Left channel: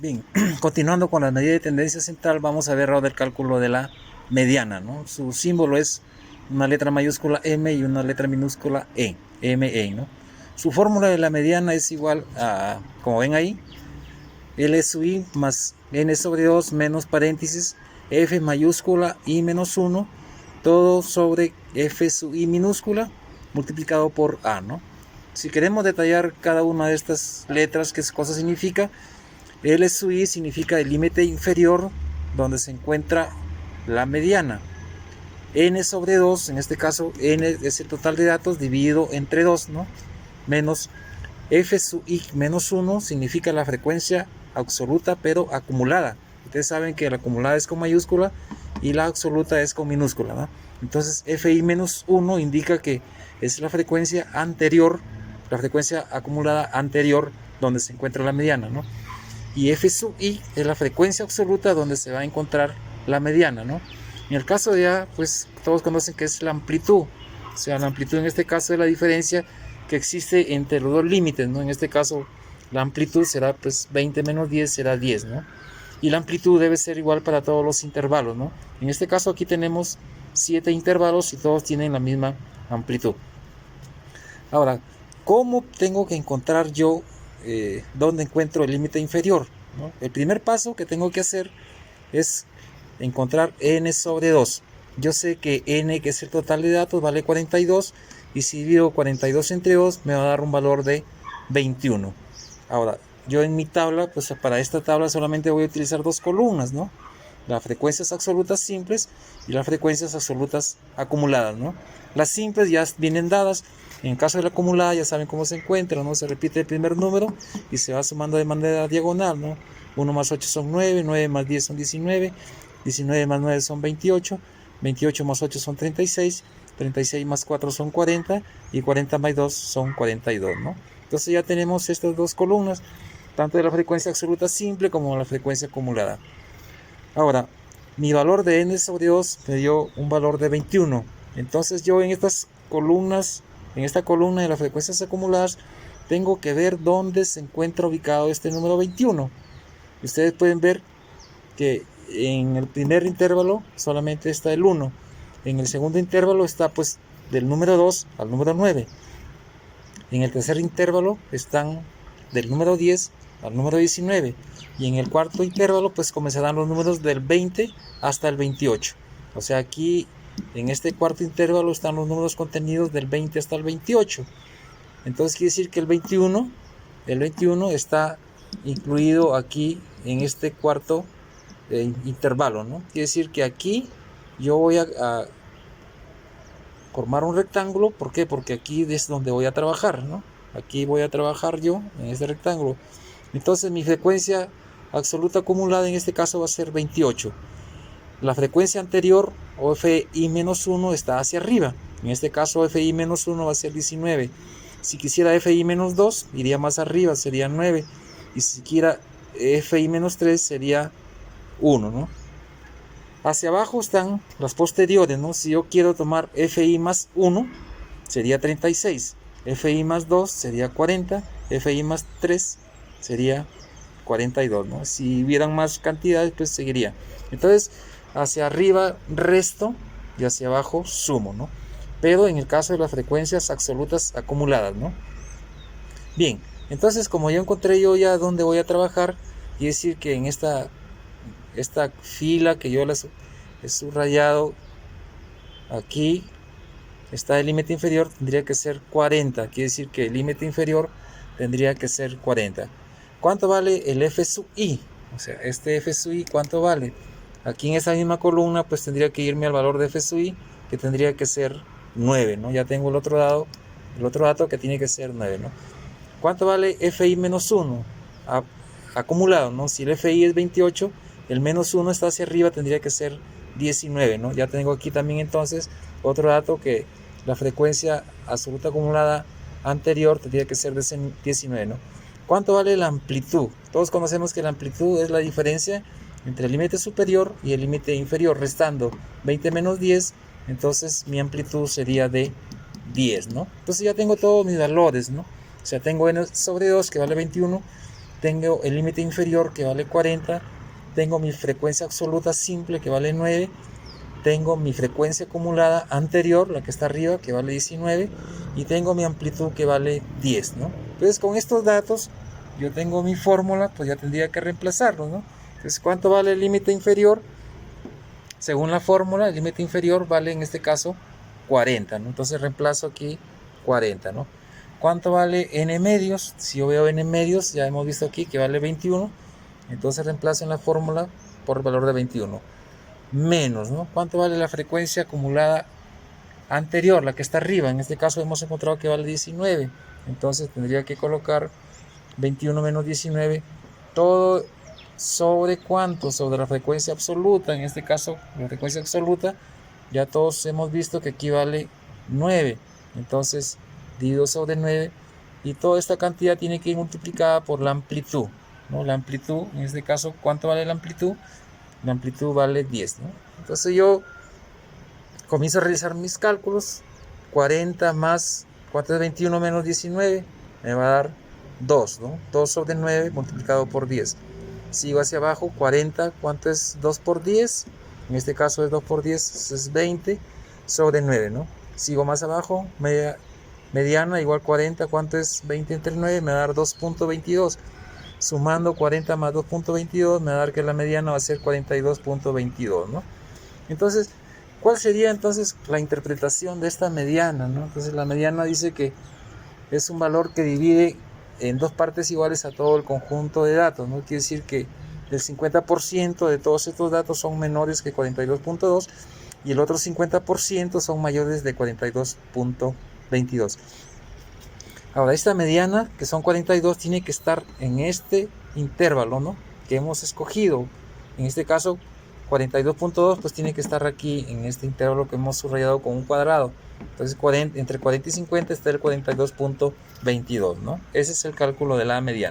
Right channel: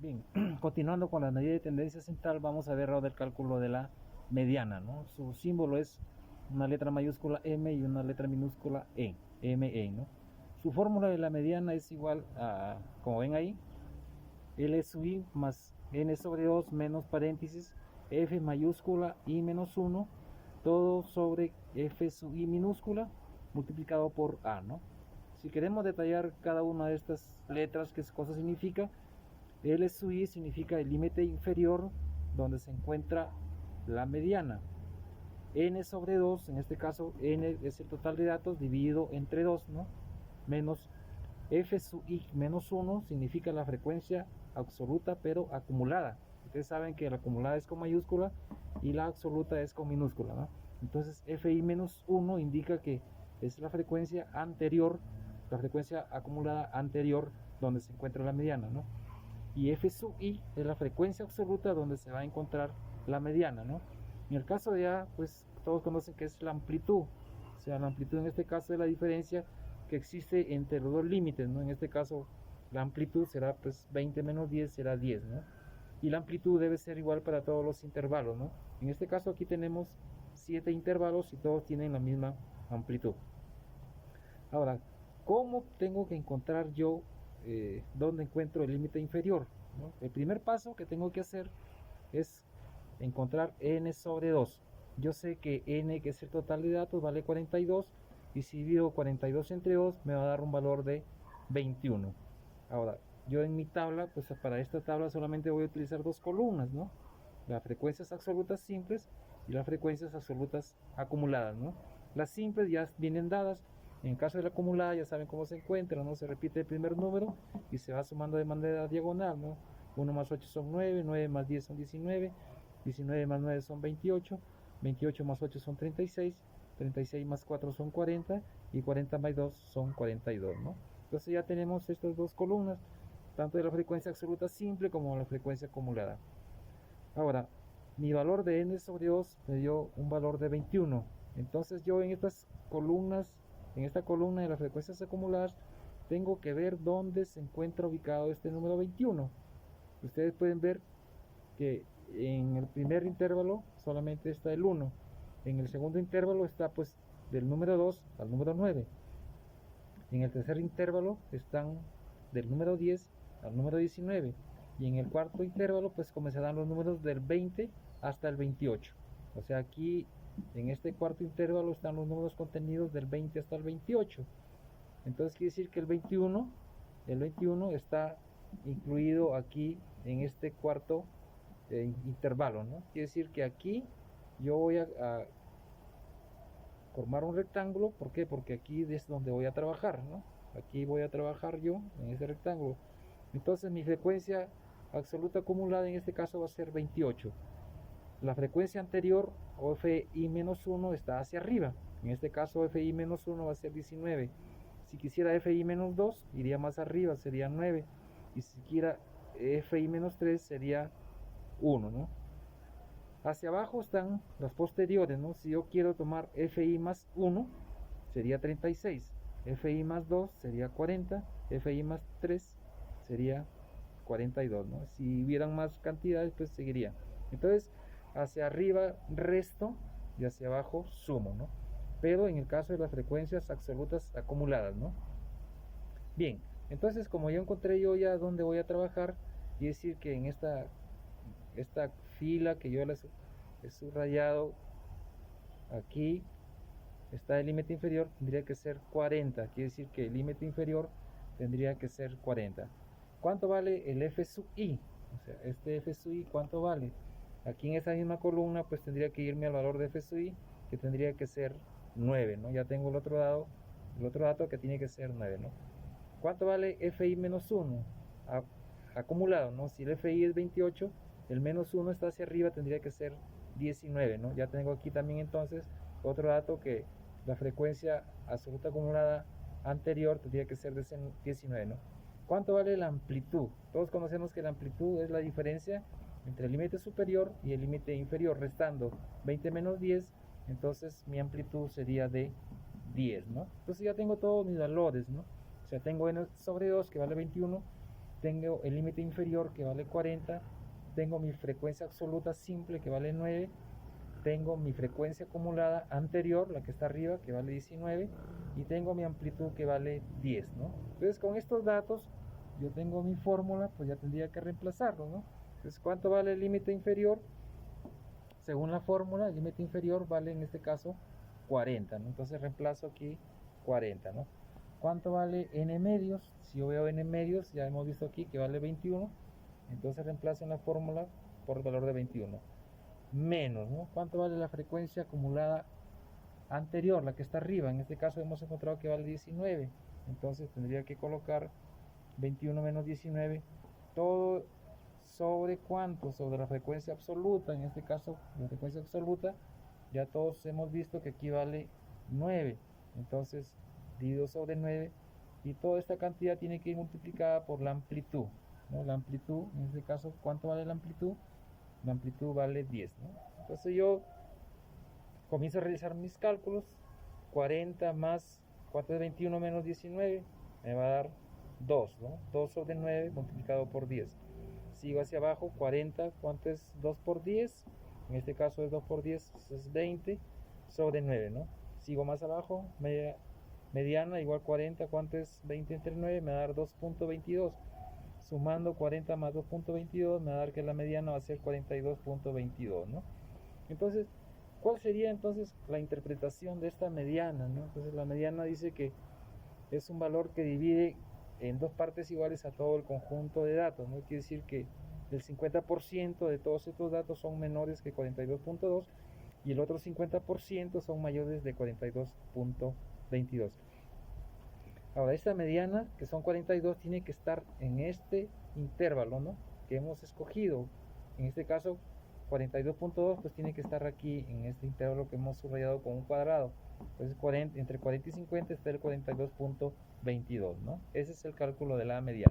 Bien, continuando con la medida de tendencia central, vamos a ver ahora el cálculo de la mediana, ¿no? Su símbolo es una letra mayúscula M y una letra minúscula E, ME, ¿no? Su fórmula de la mediana es igual a, como ven ahí, L sub I más N sobre 2 menos paréntesis, F mayúscula I menos 1, todo sobre F sub I minúscula multiplicado por A, ¿no? Si queremos detallar cada una de estas letras, qué cosa significa, L sub I significa el límite inferior donde se encuentra la mediana. N sobre 2, en este caso N es el total de datos dividido entre 2, ¿no? Menos F sub I menos 1 significa la frecuencia absoluta pero acumulada. Ustedes saben que la acumulada es con mayúscula y la absoluta es con minúscula, ¿no? Entonces Fi menos 1 indica que es la frecuencia anterior, la frecuencia acumulada anterior donde se encuentra la mediana, ¿no? Y F sub I es la frecuencia absoluta donde se va a encontrar la mediana, ¿no? En el caso de A, pues todos conocen que es la amplitud, o sea, la amplitud en este caso es la diferencia que existe entre los dos límites, ¿no? En este caso la amplitud será pues 20 menos 10 será 10, ¿no? Y la amplitud debe ser igual para todos los intervalos, ¿no? En este caso aquí tenemos 7 intervalos y todos tienen la misma amplitud. Ahora, ¿cómo tengo que encontrar yo dónde encuentro el límite inferior, ¿no? El primer paso que tengo que hacer es encontrar n sobre 2. Yo sé que n, que es el total de datos, vale 42, y si divido 42 entre 2 me va a dar un valor de 21. Ahora, yo en mi tabla, pues para esta tabla solamente voy a utilizar dos columnas, ¿no? Las frecuencias absolutas simples y las frecuencias absolutas acumuladas, ¿no? Las simples ya vienen dadas. En caso de la acumulada ya saben cómo se encuentra, ¿no? Se repite el primer número y se va sumando de manera diagonal, ¿no? 1 más 8 son 9, 9 más 10 son 19, 19 más 9 son 28, 28 más 8 son 36, 36 más 4 son 40 y 40 más 2 son 42, ¿no? Entonces ya tenemos estas dos columnas, tanto de la frecuencia absoluta simple como la frecuencia acumulada. Ahora, mi valor de n sobre 2 me dio un valor de 21. Entonces yo en estas columnas, en esta columna de las frecuencias acumuladas, tengo que ver dónde se encuentra ubicado este número 21. Ustedes pueden ver que en el primer intervalo solamente está el 1. En el segundo intervalo está pues del número 2 al número 9. En el tercer intervalo están del número 10 al número 19. Y en el cuarto intervalo pues comenzarán los números del 20 hasta el 28. O sea, aquí en este cuarto intervalo están los números contenidos del 20 hasta el 28. Entonces quiere decir que el 21 está incluido aquí en este cuarto intervalo, ¿no? Quiere decir que aquí yo voy a formar un rectángulo. ¿Por qué? Porque aquí es donde voy a trabajar, ¿no? Aquí voy a trabajar yo en este rectángulo. Entonces mi frecuencia absoluta acumulada en este caso va a ser 28. La frecuencia anterior, o Fi-1, está hacia arriba. En este caso Fi-1 va a ser 19. Si quisiera Fi-2, iría más arriba, sería 9. Y si quisiera Fi-3, sería 1, ¿no? Hacia abajo están las posteriores, ¿no? Si yo quiero tomar Fi más 1, sería 36. Fi más 2 sería 40. Fi más 3 sería 42, ¿no? Si hubieran más cantidades, pues seguiría. Entonces, hacia arriba resto y hacia abajo sumo, ¿no? Pero en el caso de las frecuencias absolutas acumuladas, ¿no? Bien, entonces como yo encontré yo ya dónde voy a trabajar, y decir que en esta fila que yo les he subrayado aquí está el límite inferior, tendría que ser 40. Quiere decir que el límite inferior tendría que ser 40. ¿Cuánto vale el F sub I? O sea, este F sub I, ¿cuánto vale? Aquí en esa misma columna pues tendría que irme al valor de F sub I, que tendría que ser 9, ¿no? Ya tengo el otro dato que tiene que ser 9, ¿no? ¿Cuánto vale Fi menos 1? Acumulado, ¿no? Si el Fi es 28, el menos 1 está hacia arriba, tendría que ser 19, ¿no? Ya tengo aquí también entonces otro dato, que la frecuencia absoluta acumulada anterior tendría que ser 19, ¿no? ¿Cuánto vale la amplitud? Todos conocemos que la amplitud es la diferencia entre el límite superior y el límite inferior, restando 20 menos 10, entonces mi amplitud sería de 10, ¿no? Entonces ya tengo todos mis valores, ¿no? O sea, tengo n sobre 2 que vale 21, tengo el límite inferior que vale 40, tengo mi frecuencia absoluta simple que vale 9, tengo mi frecuencia acumulada anterior, la que está arriba, que vale 19, y tengo mi amplitud que vale 10, ¿no? Entonces con estos datos yo tengo mi fórmula, pues ya tendría que reemplazarlo, ¿no? Entonces, ¿cuánto vale el límite inferior? Según la fórmula, el límite inferior vale en este caso 40, ¿no? Entonces reemplazo aquí 40, ¿no? ¿Cuánto vale n medios? Si yo veo n medios, ya hemos visto aquí que vale 21, entonces reemplazo en la fórmula por el valor de 21. Menos, ¿no? ¿Cuánto vale la frecuencia acumulada anterior, la que está arriba? En este caso hemos encontrado que vale 19, entonces tendría que colocar 21 menos 19, todo sobre cuánto, sobre la frecuencia absoluta. En este caso la frecuencia absoluta ya todos hemos visto que aquí vale 9, entonces divido sobre 9 y toda esta cantidad tiene que ir multiplicada por la amplitud, ¿no? La amplitud, en este caso, ¿cuánto vale la amplitud? La amplitud vale 10, ¿no? Entonces yo comienzo a realizar mis cálculos. 40 más, ¿cuánto es 21 menos 19? Me va a dar 2, ¿no? 2 sobre 9 multiplicado por 10. Sigo hacia abajo, 40, ¿cuánto es 2 por 10? En este caso es 2 por 10, es 20 sobre 9, ¿no? Sigo más abajo, mediana igual 40, ¿cuánto es 20 entre 9? Me va a dar 2.22. Sumando 40 más 2.22 me va a dar que la mediana va a ser 42.22, ¿no? Entonces, ¿cuál sería entonces la interpretación de esta mediana, ¿no? Entonces la mediana dice que es un valor que divide en dos partes iguales a todo el conjunto de datos, ¿no? Quiere decir que el 50% de todos estos datos son menores que 42.2 y el otro 50% son mayores de 42.22. Ahora, esta mediana, que son 42, tiene que estar en este intervalo, ¿no? Que hemos escogido. En este caso, 42.2, pues tiene que estar aquí en este intervalo que hemos subrayado con un cuadrado. Entonces, entre 40 y 50 está el 42.22, ¿no? Ese es el cálculo de la mediana.